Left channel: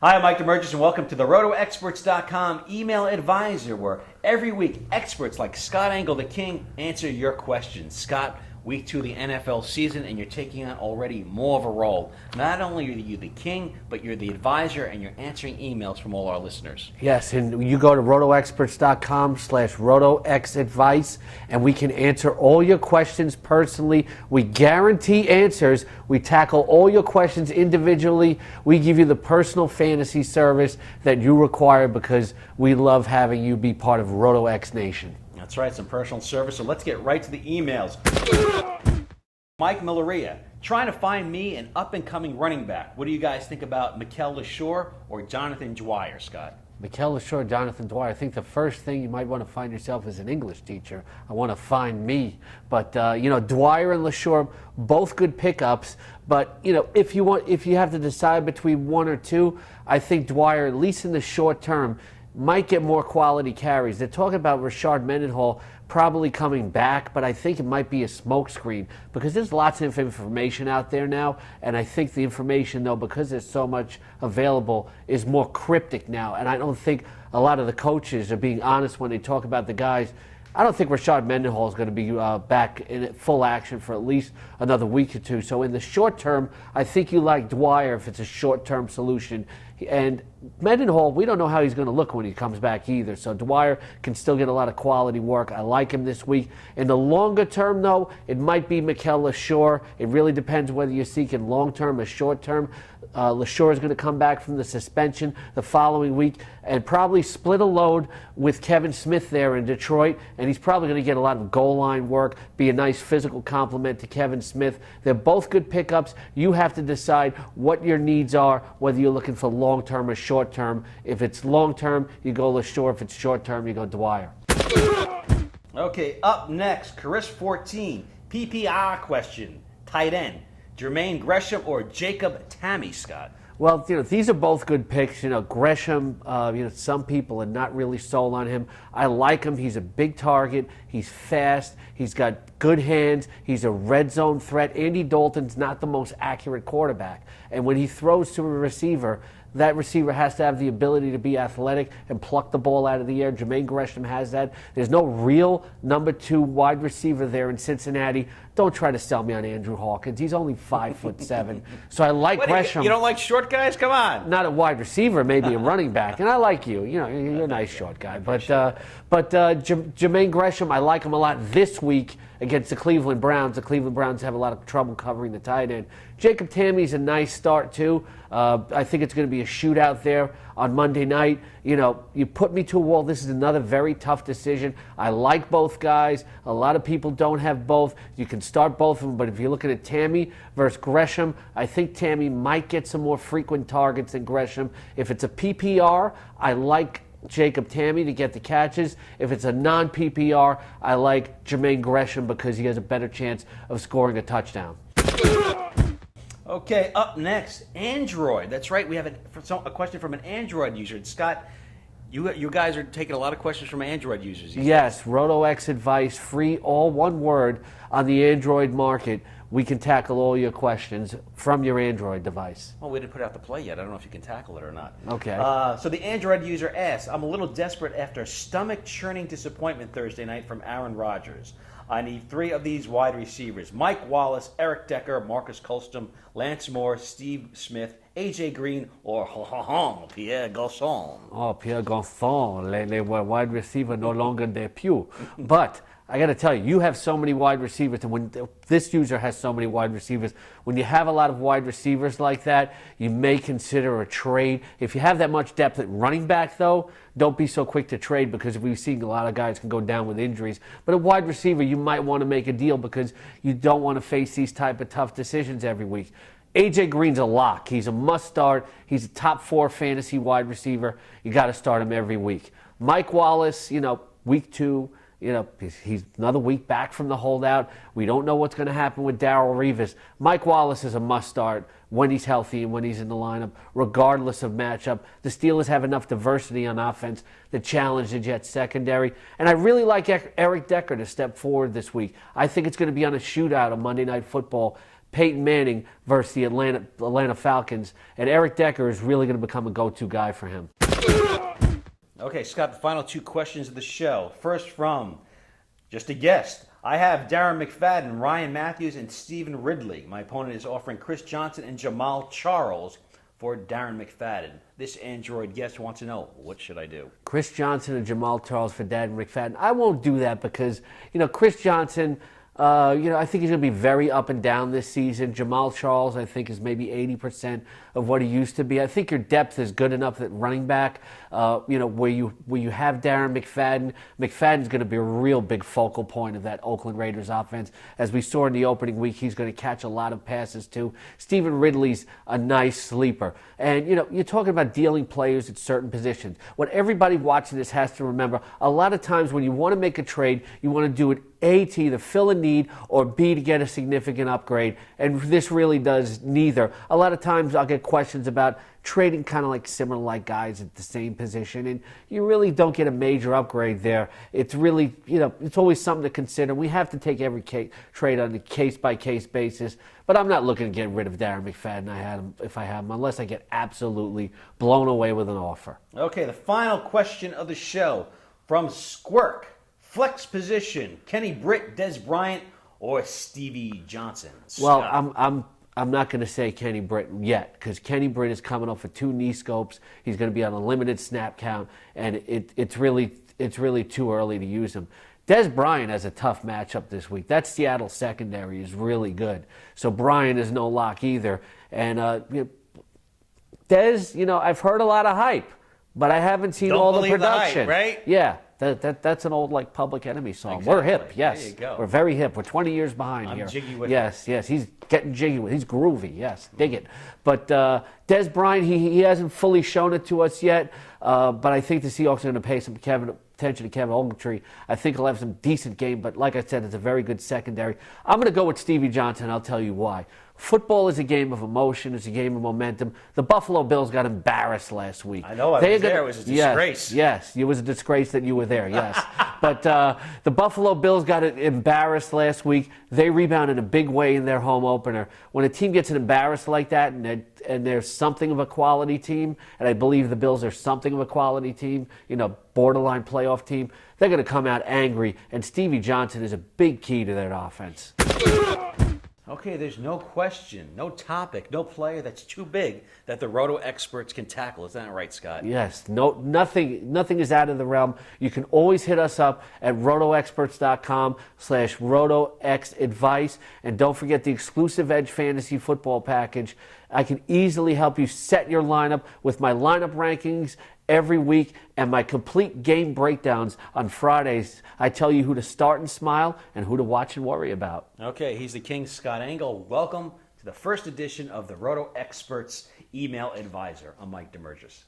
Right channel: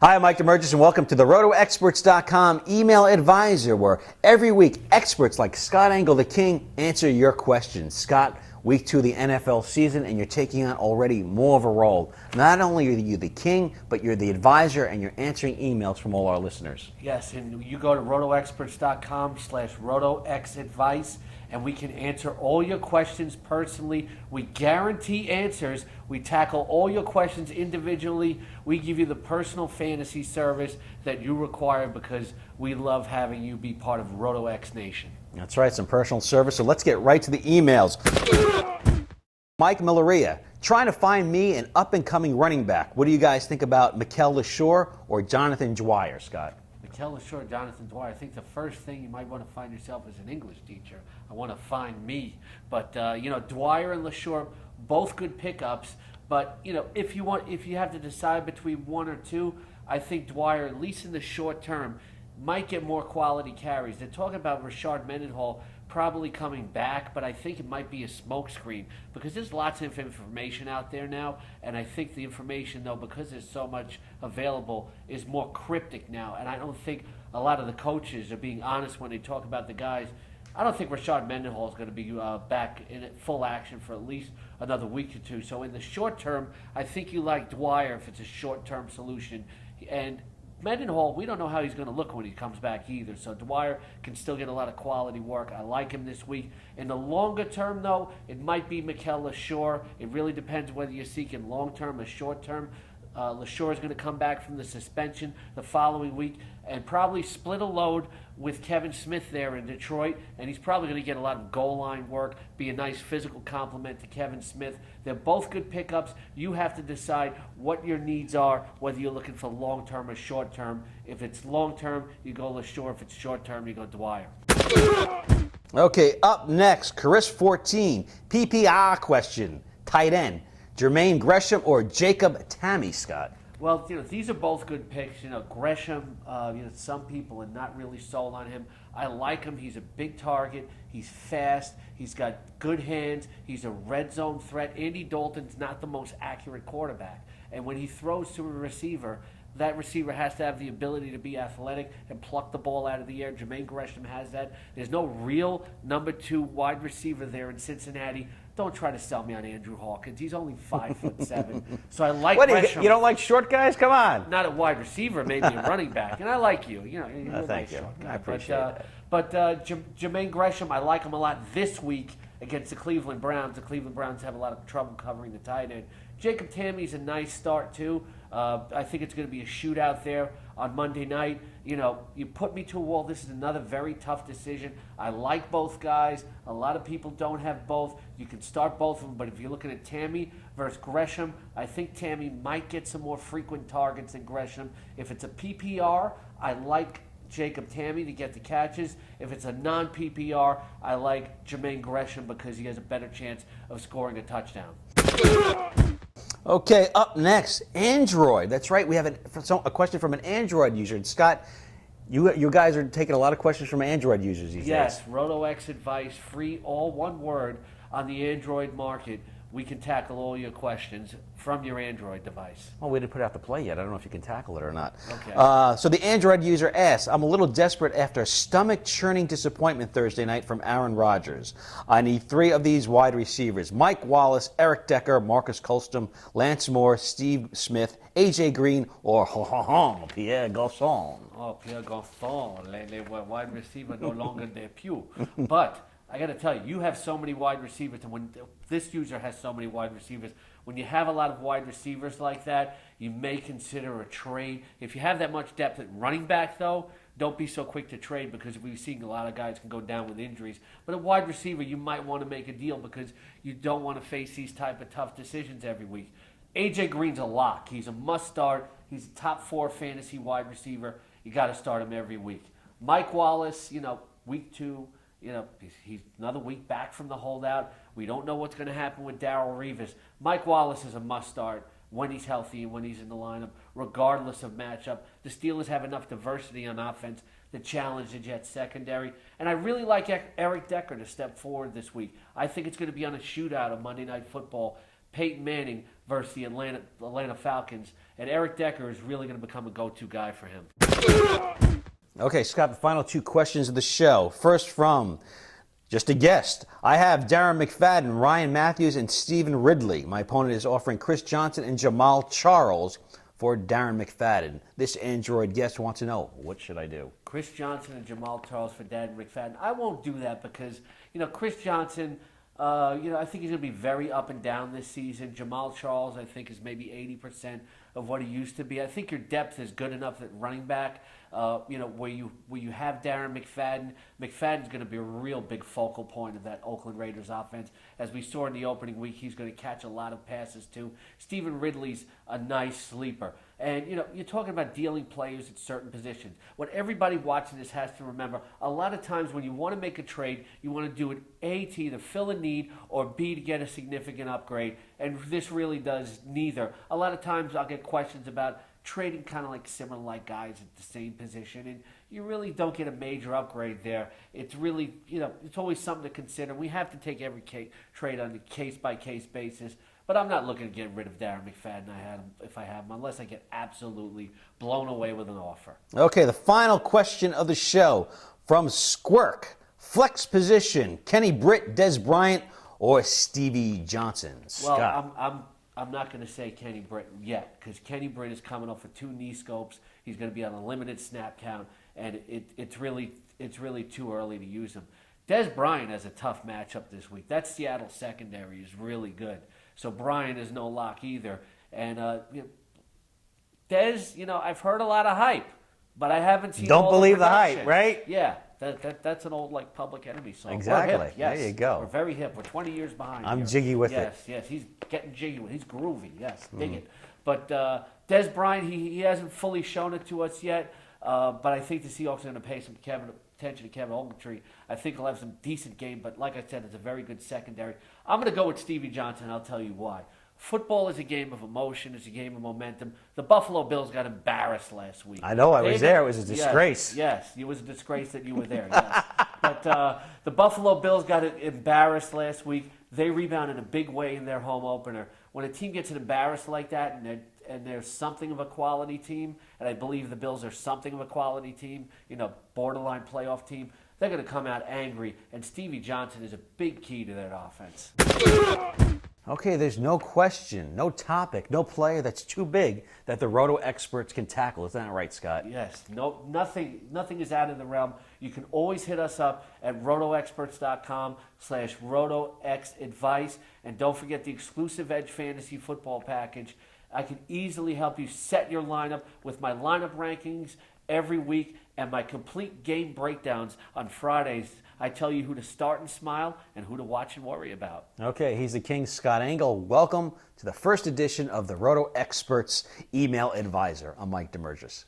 Hi, I'm Mike DeMurgis, and welcome to the RotoExperts.com email advisor, where every week experts like Scott Engel, the King, answer your questions. Scott, week 2 of the NFL season, and you're taking on already more of a role. Not only are you the King, but you're the advisor, and you're answering emails from all our listeners. Yes, and you go to RotoExperts.com/RotoXadvice, and we can answer all your questions personally. We guarantee answers. We tackle all your questions individually. We give you the personal fantasy service that you require because we love having you be part of RotoX Nation. That's right, some personal service. So let's get right to the emails. Mike Millaria, trying to find me an up-and-coming running back. What do you guys think about Mikel Leshore or Jonathan Dwyer, Scott? Mikel Leshore, Jonathan Dwyer. I think the first thing you might want to find yourself is an English teacher. I want to find me. But, Dwyer and Leshore, both good pickups. But, if you have to decide between one or two, I think Dwyer, at least in the short term, might get more quality carries. They're talking about Rashard Mendenhall probably coming back, but I think it might be a smokescreen because there's lots of information out there now, and I think the information, though, because there's so much available, is more cryptic now, and I don't think a lot of the coaches are being honest when they talk about the guys. I don't think Rashard Mendenhall is going to be back in full action for at least another week or two. So in the short term, I think you like Dwyer if it's a short-term solution. And Mendenhall, we don't know how he's going to look when he comes back either. So Dwyer can still get a lot of quality work. I like him this week. In the longer term, though, it might be Mikel Leshore. It really depends whether you're seeking long-term or short-term. Leshore is going to come back from the suspension the following week and probably split a load with Kevin Smith there in Detroit, and he's probably going to get a lot of goal line work, be a nice physical complement to Kevin Smith. They're both good pickups. You have to decide what your needs are, whether you're looking for long-term or short-term. If it's long-term, you go Leshore. If it's short-term, you go Dwyer. Okay, up next, Chris14, PPR question, tight end. Jermaine Gresham or Jacob Tamme, Scott? Well, these are both good picks. Gresham, some people are not really sold on him. I like him. He's a big target. He's fast. He's got good hands. He's a red zone threat. Andy Dalton's not the most accurate quarterback. And when he throws to a receiver, that receiver has to have the ability to be athletic and pluck the ball out of the air. Jermaine Gresham has that. There's no real number 2 wide receiver there in Cincinnati. Don't try to sell me on Andrew Hawkins. He's only 5'7". So I like Gresham. You don't like short guys? Come on. Not a wide receiver, maybe a running back. And I like you. You're a nice short guy. But Jermaine Gresham, I like him a lot this week against the Cleveland Browns. The Cleveland Browns have a lot of trouble covering the tight end. Jacob Tamme's a nice start, too. I think it's going to be a shootout there on Monday night. You put me to a wall. This is another very tough decision. I like both guys. A lot of people don't have both. You can start both of them, but if you're looking at Tamme versus Gresham, I think Tamme might get some more frequent targets than Gresham. If it's a PPR, I like Jacob Tamme to get the catches. If it's a non-PPR, I like Jermaine Gresham because he has a better chance of scoring a touchdown. Okay, up next, Android. That's right, we have a question from an Android user. And Scott, you guys are taking a lot of questions from Android users. Yes, RotoX advice, free, all one word on the Android market. We can tackle all your questions from your Android device. Well, we didn't put out the play yet. I don't know if you can tackle it or not. Okay. So the Android user asks, I'm a little desperate after a stomach-churning disappointment Thursday night from Aaron Rodgers. I need 3 of these wide receivers: Mike Wallace, Eric Decker, Marcus Colston, Lance Moore, Steve Smith, A.J. Green, or Pierre Garçon. Oh, Pierre Garçon, les wide receiver no longer their pew. But I got to tell you, you have so many wide receivers, and when this user has so many wide receivers, when you have a lot of wide receivers like that, you may consider a trade. If you have that much depth at running back, though, don't be so quick to trade because we've seen a lot of guys can go down with injuries. But a wide receiver, you might want to make a deal because you don't want to face these type of tough decisions every week. A.J. Green's a lock. He's a must-start. He's a top 4 fantasy wide receiver. You got to start him every week. Mike Wallace, week 2, he's another week back from the holdout. We don't know what's going to happen with Darrelle Revis. Mike Wallace is a must-start when he's healthy and when he's in the lineup, regardless of matchup. The Steelers have enough diversity on offense to challenge the Jets secondary. And I really like Eric Decker to step forward this week. I think it's going to be on a shootout on Monday Night Football. Peyton Manning versus the Atlanta Falcons, and Eric Decker is really going to become a go-to guy for him. Okay, Scott, the final two questions of the show. First from just a guest. I have Darren McFadden, Ryan Matthews, and Stephen Ridley. My opponent is offering Chris Johnson and Jamal Charles for Darren McFadden. This Android guest wants to know, what should I do? Chris Johnson and Jamal Charles for Darren McFadden. I won't do that because, Chris Johnson, I think he's going to be very up and down this season. Jamal Charles, I think, is maybe 80% of what he used to be. I think your depth is good enough at running back, where you have Darren McFadden. McFadden's going to be a real big focal point of that Oakland Raiders offense. As we saw in the opening week, he's going to catch a lot of passes too. Stephen Ridley's a nice sleeper. And, you're talking about dealing players at certain positions. What everybody watching this has to remember, a lot of times when you want to make a trade, you want to do it A, to either fill a need, or B, to get a significant upgrade. And this really does neither. A lot of times I'll get questions about trading kind of like similar like guys at the same position, and you really don't get a major upgrade there. It's really, it's always something to consider. We have to take every trade on a case-by-case basis, but I'm not looking to get rid of Darren McFadden if I have him, unless I get absolutely blown away with an offer. Okay, the final question of the show from Squirk. Flex position, Kenny Britt, Des Bryant, or Stevie Johnson? Well, Scott. I'm not going to say Kenny Britt yet, because Kenny Britt is coming off of 2 knee scopes. He's going to be on a limited snap count, and it's really too early to use him. Des Bryant has a tough matchup this week. That Seattle secondary is really good, so Bryant is no lock either. And Des, I've heard a lot of hype, but I haven't seen all the production. Don't believe the hype, right? Yeah. That's an old Public Enemy song. Exactly. We're hip, yes. There you go. We're very hip. We're 20 years behind here. I'm jiggy with it. Yes, he's getting jiggy with it. He's groovy, yes, dig it. But Des Bryant, he hasn't fully shown it to us yet, but I think the Seahawks are going to pay some attention to Kevin Ogletree. I think he'll have some decent game, but like I said, it's a very good secondary. I'm going to go with Stevie Johnson, and I'll tell you why. Football is a game of emotion. It's a game of momentum. The Buffalo Bills got embarrassed last week. I know. I was there. It was a disgrace. Yes, it was a disgrace that you were there, yes. But the Buffalo Bills got embarrassed last week. They rebounded in a big way in their home opener. When a team gets embarrassed like that and they're something of a quality team, and I believe the Bills are something of a quality team, borderline playoff team, they're going to come out angry, and Stevie Johnson is a big key to their offense. Okay, there's no question, no topic, no player that's too big that the Roto Experts can tackle. Is that right, Scott? Yes, nothing is out of the realm. You can always hit us up at RotoExperts.com/RotoXadvice. And don't forget the exclusive Edge Fantasy Football Package. I can easily help you set your lineup with my lineup rankings every week and my complete game breakdowns on Fridays. I tell you who to start and smile and who to watch and worry about. Okay, he's the King, Scott Engel. Welcome to the first edition of the Roto Experts Email Advisor. I'm Mike DeMurgis.